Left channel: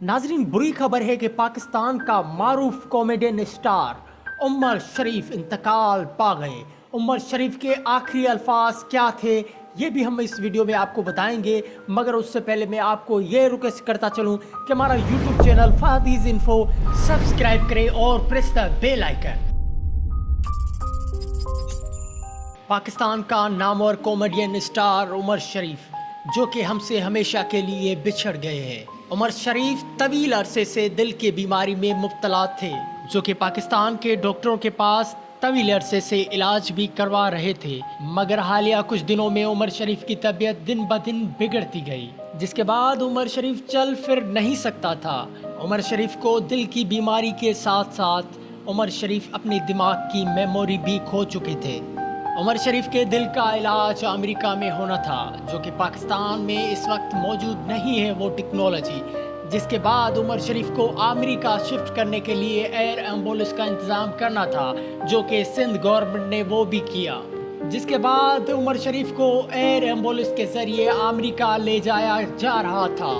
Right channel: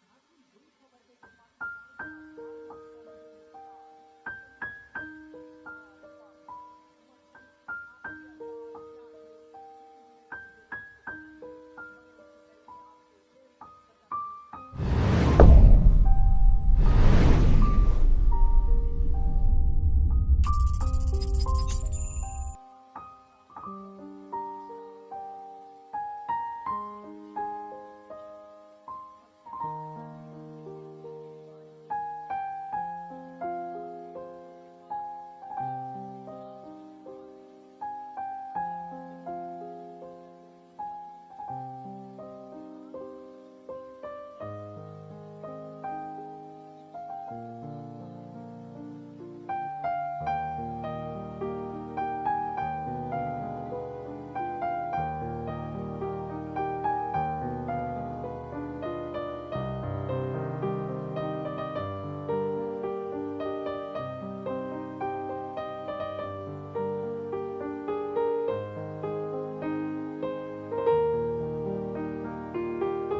नाजरीन, बुरी खबर है कि पाकिस्तान का मारूफ कॉमेडियन स्टार उमर शरीफ इंतकाल पा गए। उमर शरीफ के आखिरी अल्फाज क्या थे ये भी हम इस वीडियो में आपको बताएंगे, मगर उससे पहले मैं आपको ये रिक्वेस्ट करता चलूं कि हमारा YouTube channel Fadi's info subscribe करें और press the bell icon. Pakistan का नामवर कॉमेडियन स्टार उमर शरीफ, जो कि हमसे हमेशा के लिए बिछड़ गए हैं। उमर शरीफ तवील अरसे से दिल की बीमारी में मुब्तला थे, जो कि पाकिस्तान के डॉक्टरों के पास तवील अरसे से इलाज भी करवा रहे थे, मगर हालिया कुछ दिनों में उमर शरीफ की तबीयत दिन ब दिन बिगड़ती गई, जिसके बाद उमर शरीफ चल फिर नहीं सकता था। उमर शरीफ को दिल की बीमारी के साथ साथ उमर शरीफ अपने दिमाग की मेमोरी भी खो चुके थे। उमर शरीफ के दिल का इलाज अमेरिका में होना था, जो कि पाकिस्तान में इस वक्त मौजूद नहीं है वो टेक्नोलॉजी, जिसके बाद उमर शरीफ को अमेरिका शिफ्ट करने के लिए एयर एम्बुलेंस का इंतज़ाम करना था, जो कि सिंध गवर्नमेंट ने वो भी किया। जिसके बाद उमर शरीफ को एयर एम्बुलेंस के ज़रिए अमेरिका ले जाया जा रहा था,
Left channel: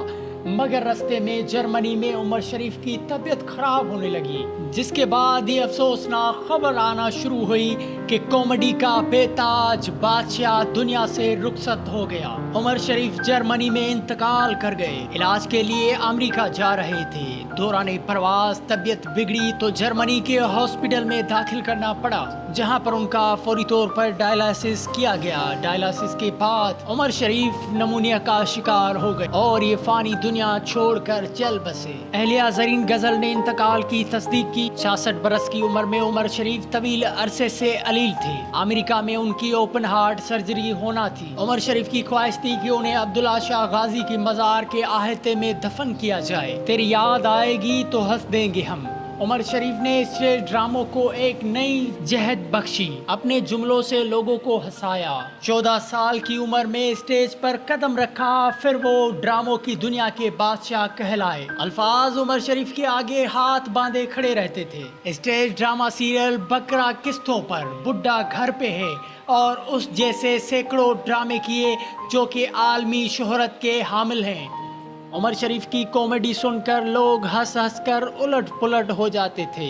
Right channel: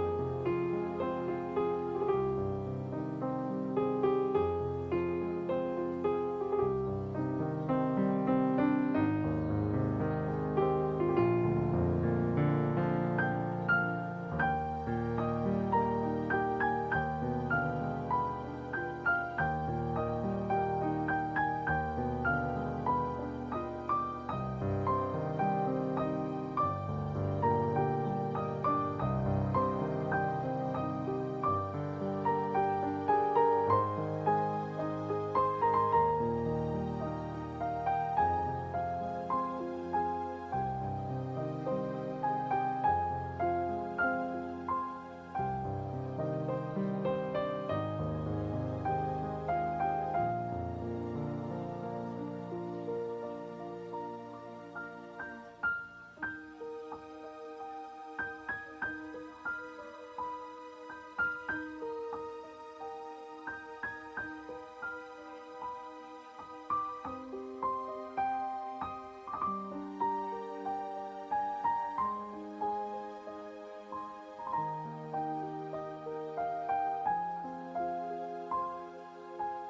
मगर रास्ते में जर्मनी में उमर शरीफ की तबीयत खराब होने लगी, जिसके बाद ये अफसोसनाक खबर आना शुरू हुई कि कॉमेडी का बेताज बादशाह दुनिया से रुखसत हो गया। उमर शरीफ जर्मनी में इंतकाल कर गए। इलाज के लिए अमेरिका जा रहे थे। दौरान परवास तबीयत बिगड़ी तो जर्मनी के हॉस्पिटल में दाखिल करना पड़ा, जहां पर उनका फौरी तौर पर डायलिसिस किया गया। डायलिसिस के बाद उमर शरीफ नमूनिया का शिकार हो गए और ये फानी दुनिया छोड़कर चल बसे। अहलिया ज़रीन गजल ने इंतकाल की तस्दीक की। 66 बरस की उम्र में उमर शरीफ तवील अरसे से अलील थे। अमेरिका में उनकी ओपन हार्ट सर्जरी होना थी। उमर शरीफ की ख्वाहिश थी कि उन्हें अब्दुल्ला शाह गाजी की मज़ार के आहते में दफन किया जाए। तेरी याद आएगी तो हंस देंगे हम। उमर शरीफ ने स्टेज ड्रामों को एक नई जहद बख्शी, अपने जुमलों से लोगों को हंसाया। 14 साल की उम्र में स्टेज पर कदम रखा, फिर वो ड्रामों की दुनिया के बादशाह कहलाए। अल्फाज उमर शरीफ के आगे हाथ बांधे खड़े रहते थे। स्टेज ड्रामा सीरियल बकरा किस्तों पर, बुड्ढा घर पे है और उस जैसे सैकड़ों ड्रामे किए, जो कि आलमी शोहरत के हामिल हैं। उमर शरीफ की कॉमेडी सुनकर लोग हंस हंस कर उलट पुलट हो जाते थे।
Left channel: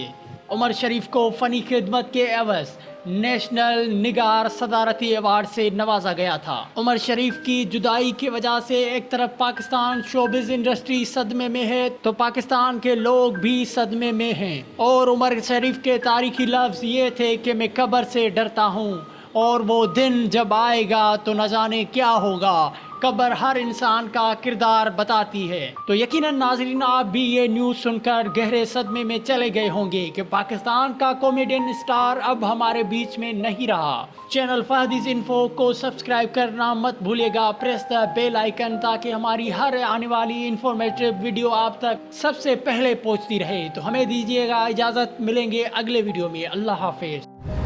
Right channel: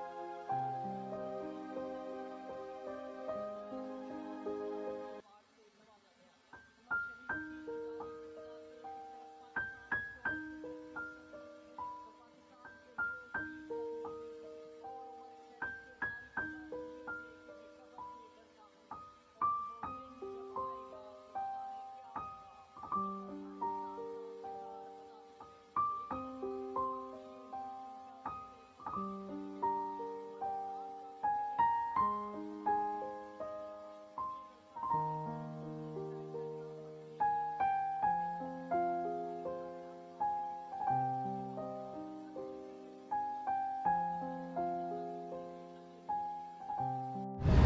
उमर शरीफ को फ़नी खिदमत के एवज नेशनल निगार सदारती अवार्ड से नवाजा गया था। उमर शरीफ की जुदाई की वजह से एक तरफ पाकिस्तान शोबिज़ इंडस्ट्री सदमे में है, तो पाकिस्तान के लोग भी सदमे में हैं। और उमर शरीफ के तारीखी लफ्ज़ ये थे कि मैं कब्र से डरता हूँ और वो दिन जब आएगा तो न जाने क्या होगा। कब्र हर इंसान का किरदार बताती है। तो यकीनन नाजरीन, आप भी ये न्यूज़ सुनकर गहरे सदमे में चले गए होंगे कि पाकिस्तान का कॉमेडियन स्टार अब हमारे बीच में नहीं रहा। चैनल फादीज इन्फो को सब्सक्राइब करना मत भूलिएगा। प्रेस द बेल आइकन, ताकि हमारी हर आने वाली इंफॉर्मेटिव वीडियो आप तक सबसे पहले पहुंचती रहे। तो हमें दीजिएगा इजाज़त, मिलेंगे अगले वीडियो में। अल्लाह हाफिज।